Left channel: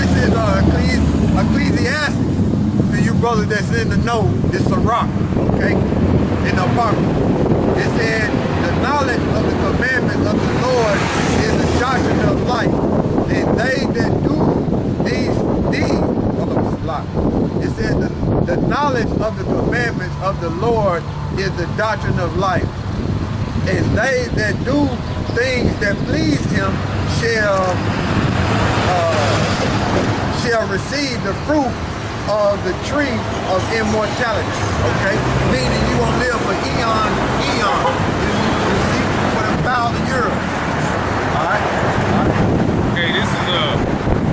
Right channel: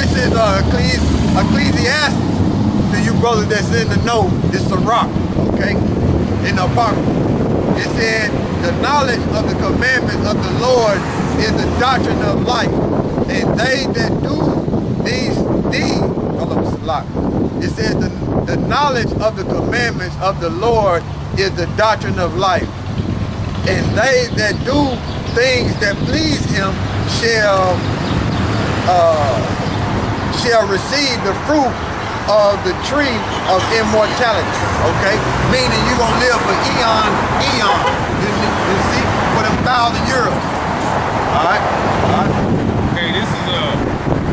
this is Ecclesiastes. To you brothers that's in the know, this is a rock, okay? In the Apocrypha. It said, the knowledge of the commandments of the Lord is the doctrine of life. And they that do these deeds, hold on, it's a lot. It said, the knowledge of the commandments of the Lord is the doctrine of life. And they that do things that please him shall receive the fruit of the tree of immortality, okay? Meaning you gonna live for eon. You see, for them 1,000 years. All right. Okay, this is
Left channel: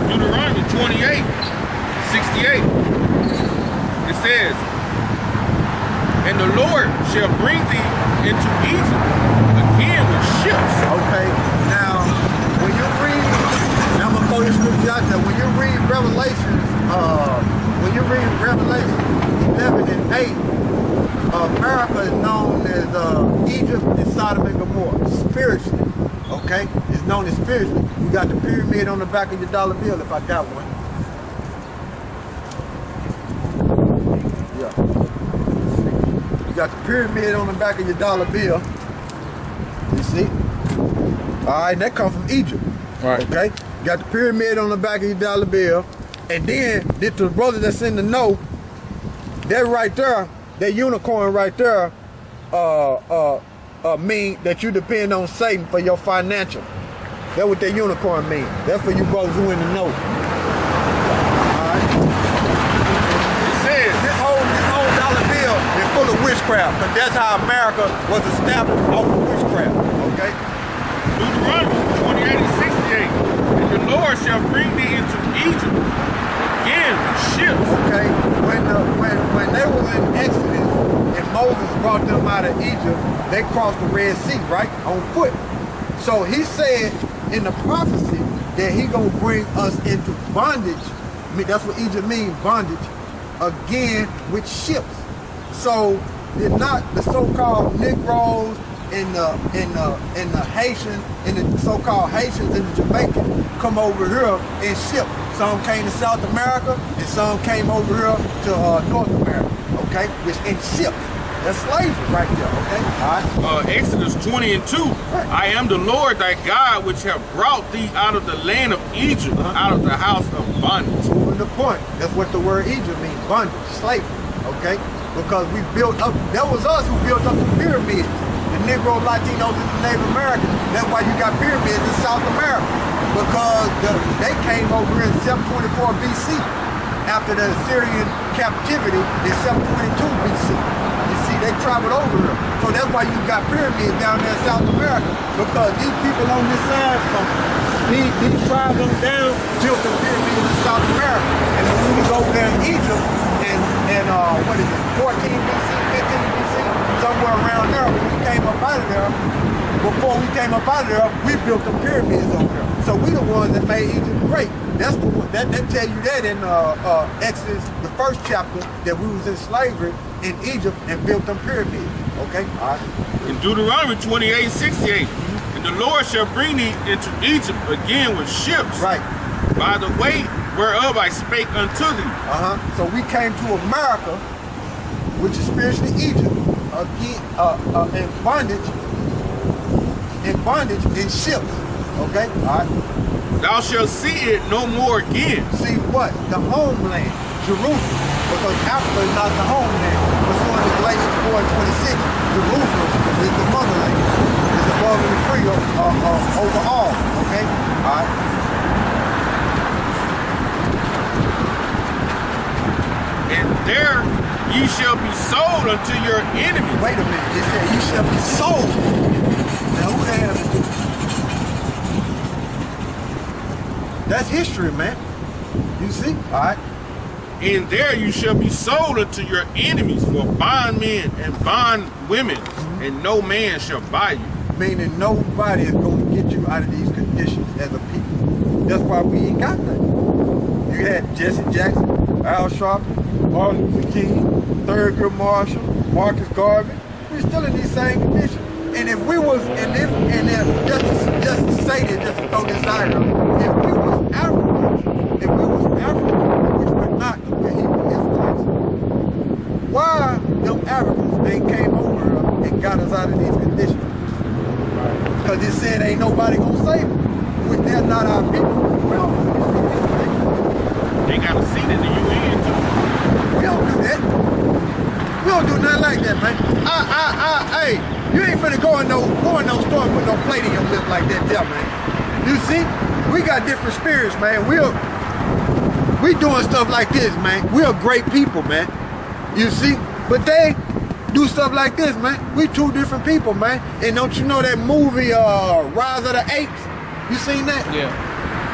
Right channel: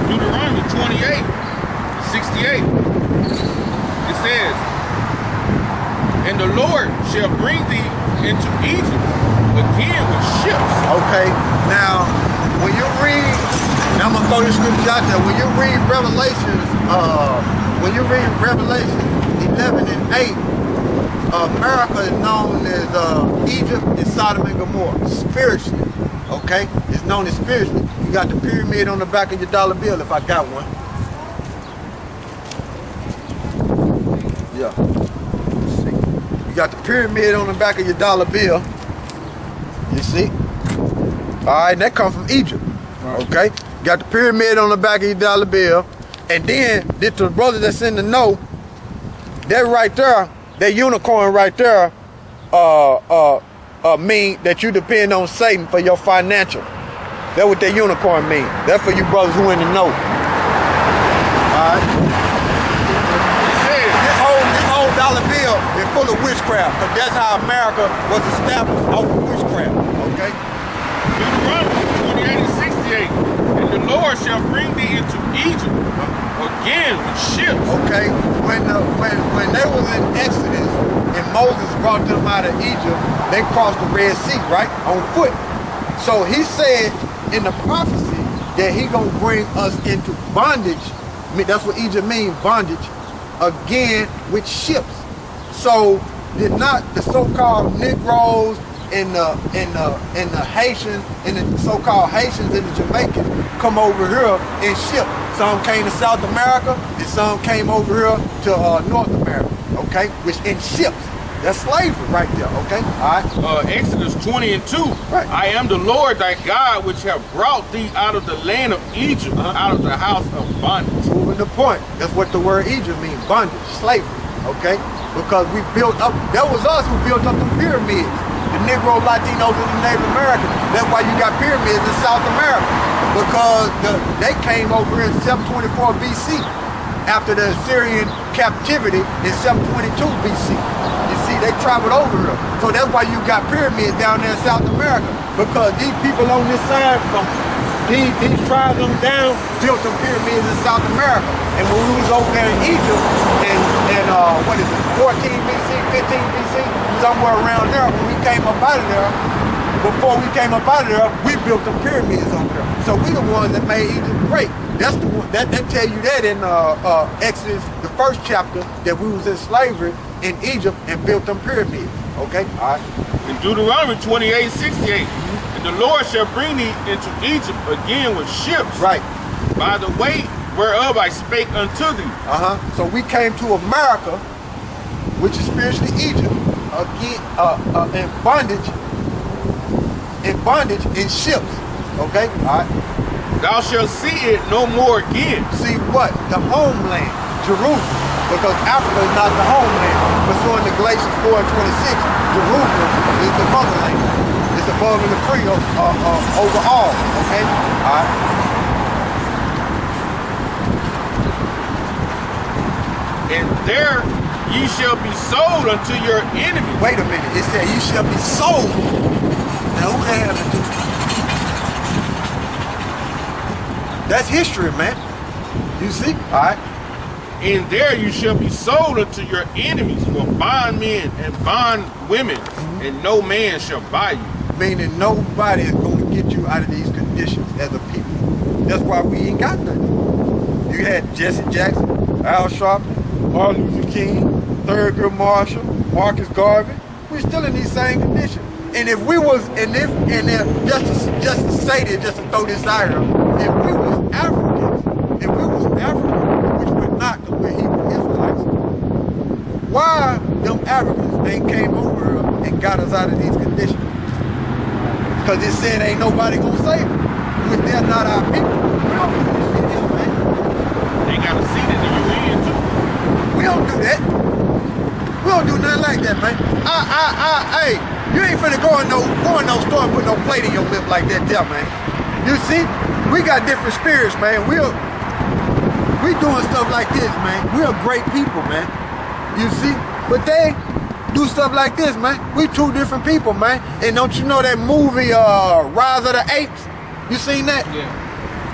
Deuteronomy 28:68. It says, and the Lord shall bring thee into Egypt again with ships. Okay, now when you read, now I'm gonna throw this scripture out there. When you read Revelations 11 and 8, America is known as Egypt and Sodom and Gomorrah, spiritually. Okay, it's known as spiritually. You got the pyramid on the back of your dollar bill, if I got one. Yeah. You got the pyramid on the back of your dollar bill. You see? All right, that comes from Egypt. Right. Okay, you got the pyramid on the back of your dollar bill, and then the brother that's in the know, that right there, that unicorn right there, mean that you depend on Satan for your financial. That's what that unicorn mean. That's for you brothers who in the know. All right. It says this whole dollar bill is full of witchcraft, because that's how America was established, off of witchcraft. Okay. Deuteronomy 28:68. And the Lord shall bring thee into Egypt again with ships. Okay. When they was in Exodus and Moses brought them out of Egypt, they crossed the Red Sea, right? On foot. So he said in the prophecy that he gonna bring us into bondage. That's what Egypt means, bondage, again with ships. So did not the so-called Negroes and the Haitians and the so-called Haitians and the Jamaicans come over here in ships? Some came to South America and some came over here to North America, okay? Which in ships. That's slavery right there, okay? All right. Exodus 20:2. Right. I am the Lord thy God, which have brought thee out of the land of Egypt, out of the house of bondage. Proving the point. That's what the word Egypt means, bondage, slavery, okay? Because we built up, that was us who built up the pyramids. The Negro, Latinos, and the Native Americans. That's why you got pyramids in South America. Because they came over in 724 BC after the Assyrian captivity in 722 BC. You see, they traveled over here. So that's why you got pyramids down there in South America. Because these people on this side, from these tribes on down, built some pyramids in South America. And when we was over there in Egypt, and what is it, 14 BC, 15 BC, somewhere around there, when we came up out of there, before we came up out of there, we built them pyramids over there. So we the ones that made Egypt great. That's the one that tell you that in Exodus, the first chapter, that we was in slavery in Egypt and built them pyramids. Okay? All right. In Deuteronomy 28:68, and the Lord shall bring thee into Egypt again with ships. Right. By the way whereof I spake unto thee. So we came to America, which is spiritually Egypt, again in bondage in ships. Okay? All right. Thou shalt see it no more again. See what? The homeland, Jerusalem. Because Africa is not the homeland. But so in the Galatians 4:26, Jerusalem is the motherland. It's above and free over all. Okay? All right. And there ye shall be sold unto your enemies. Wait a minute. It said you shall be sold. Now who they have to do? That's history, man. You see? All right. And there you shall be sold unto your enemies for bondmen and bondwomen, and no man shall buy you. Meaning nobody is going to get you out of these conditions as a people. That's why we ain't got nothing. You had Jesse Jackson, Al Sharpton, Martin Luther King, Thurgood Marshall, Marcus Garvey. We're still in these same conditions. And if we was, just to say this, just to throw this out here, if we was Africans, if we was Africans, which were not the Hebrew Israelites, why them Africans ain't came over and got us out of these conditions? Because it said ain't nobody gonna save them. Which they're not our people. We don't do this shit, man. They got a seat in the UN too. We don't do that. We don't do nothing like that, man. Hey, you ain't finna go in no store and put no plate in your lip like that there, man. You see? We got different spirits, man. We doing stuff like this, man. We're great people, man. You see? But they do stuff like this, man. We two different people, man. And don't you know that movie, Rise of the Apes? You seen that? Yeah.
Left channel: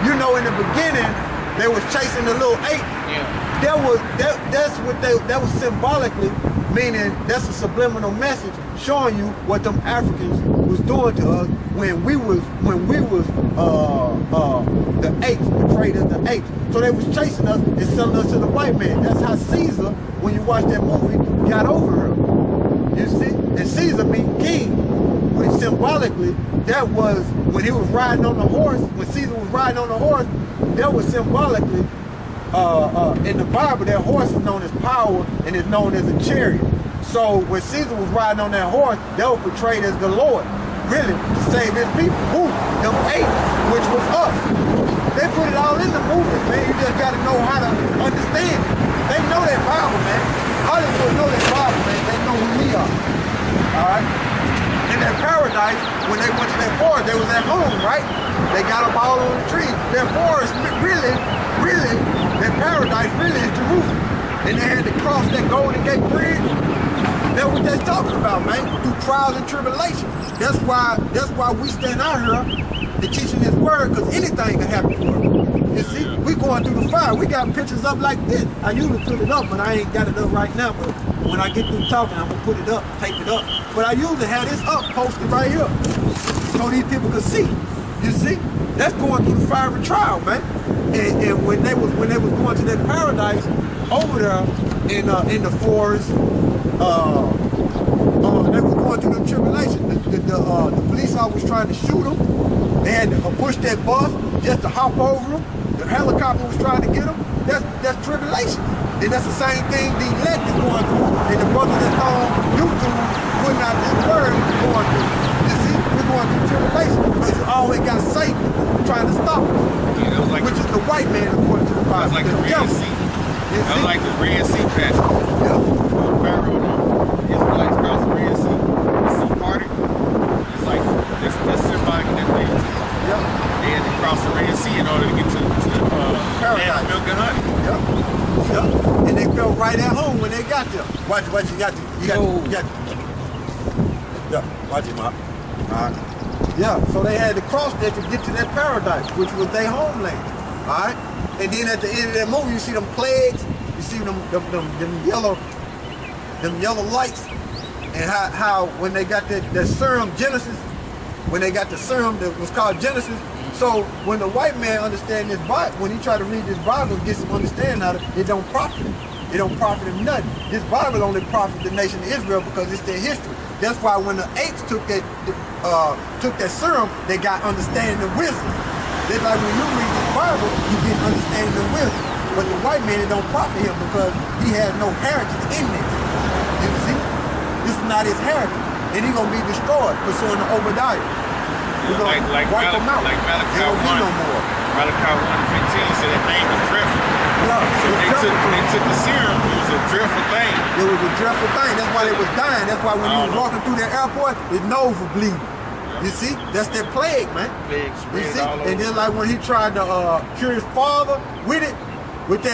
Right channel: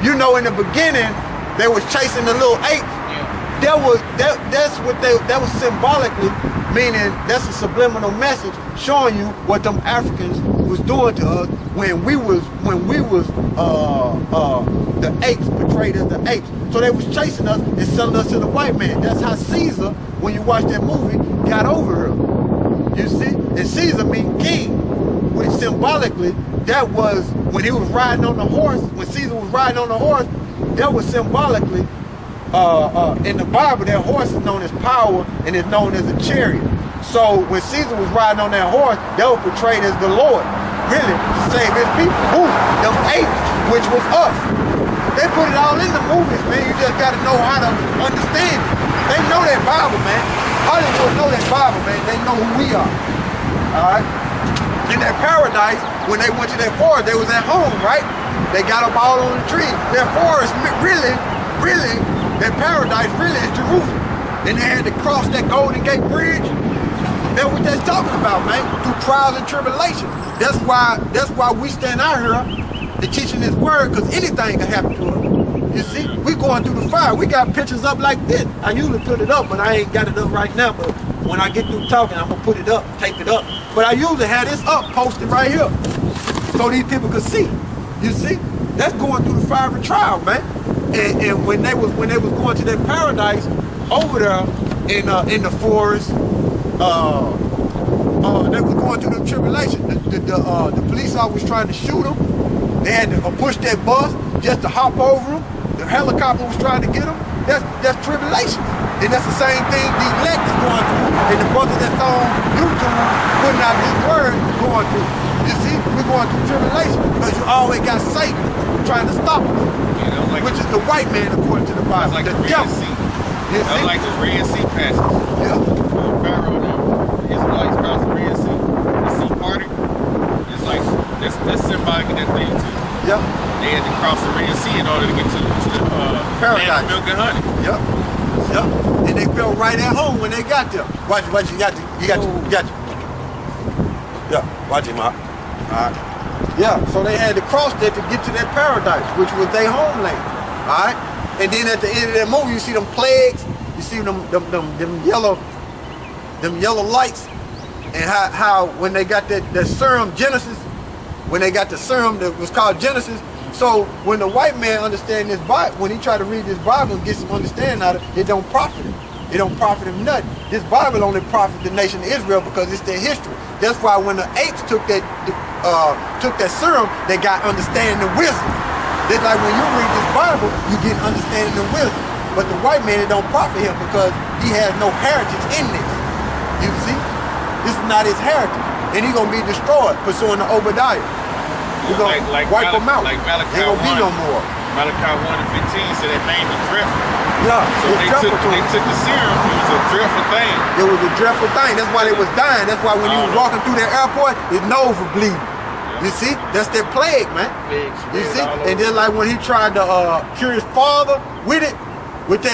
You know, in the beginning, they was chasing the little ape. Yeah. That was symbolically, meaning that's a subliminal message showing you what them Africans was doing to us when we was the apes, portrayed as the apes. So they was chasing us and selling us to the white man. That's how Caesar, when you watch that movie, got over her. You see? And Caesar means king, which symbolically, that was when he was riding on the horse, when Caesar was riding on the horse, that was symbolically, in the Bible, that horse is known as power and is known as a chariot. So when Caesar was riding on that horse, that was portrayed as the Lord, really, to save his people. Who? Them apes, which was us. They put it all in the movies, man. You just gotta know how to understand it. They know that Bible, man. Hollywood know that Bible, man. They know who we are. All right? In that paradise, when they went to that forest, they was at home, right? They got up all on the trees. That forest really, that paradise really is Jerusalem. And they had to cross that Golden Gate Bridge. That's what they're talking about, man. Through trials and tribulations. That's why we stand out here and teaching this word, because anything can happen to us. You see, we going through the fire. We got pictures up like this. I usually put it up, but I ain't got it up right now. But when I get through talking, I'm gonna put it up, take it up. But I usually have this up, posted right here, so these people can see. You see, that's going through the fiery trial, man. And when they was going to that paradise over there in the forest, they was going through the tribulation. The police officer was trying to shoot them. They had to push that bus just to hop over them. The helicopter was trying to get them. That's tribulation. And that's the same thing the elect is going through, and the brothers that's on YouTube putting out this word going through. You see, we're going through tribulation because you always got Satan trying to stop us. Yeah, that was like which is the white man according to the Bible. That was like the Red Sea. That was like the Red Sea passage. Yeah. Pharaoh and the Israelites crossed the Red Sea. The sea parted. It's like that's symbolic of that thing too. Yeah. They had to cross the Red Sea in order to get to the paradise. Land of milk and honey. Yep. Yep. And they felt right at home when they got there. Watch, you got to. Yeah, watch him out. Alright. Yeah, so they had to cross there to get to that paradise, which was their homeland. Alright? And then at the end of that movie, you see them plagues, you see them yellow lights, and how when they got that serum Genesis, when they got the serum that was called Genesis. So when the white man understand this Bible, when he try to read this Bible and get some understanding out of it, it don't profit him. It don't profit him nothing. This Bible only profit the nation of Israel because it's their history. That's why when the apes took that serum, they got understanding and wisdom. Just like when you read this Bible, you get understanding and wisdom. But the white man, it don't profit him because he has no heritage in this. You see? This is not his heritage. And he's going to be destroyed pursuing the Obadiah. We're going to wipe them out. Like Malachi There won't be no more. Malachi 1 and 15 said that name was dreadful. Yeah, so they took the serum. It was a dreadful thing. It was a dreadful thing. That's why they was dying. That's why when you was walking through the airport, his nose was bleeding. You see? That's their plague, man. You see? And then like when he tried to cure his father with that,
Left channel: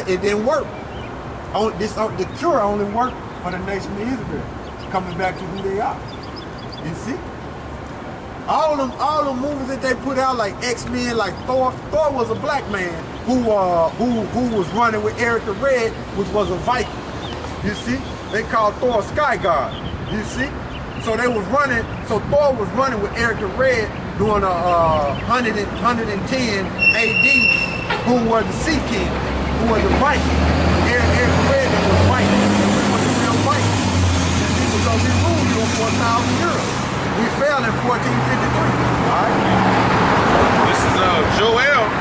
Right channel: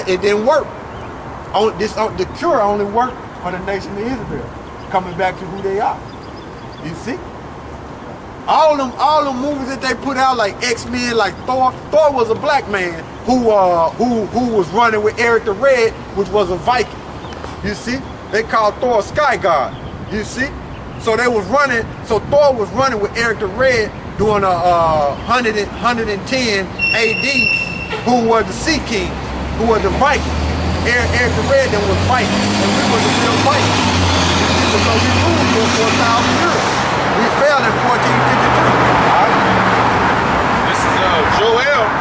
it didn't work. The cure only worked for the nation of Israel, coming back to who they are. You see? All them movies that they put out, like X-Men, like Thor. Thor was a black man who was running with Eric the Red, which was a Viking. You see? They called Thor a sky god. You see? So they was running. So Thor was running with Eric the Red during 110 AD, who was the Sea King, who was the Viking. Eric the Red then was Viking, and we was the real Viking. You see? Because we ruled here for 1,000 years. We fell in 1453. All right. This is Joel.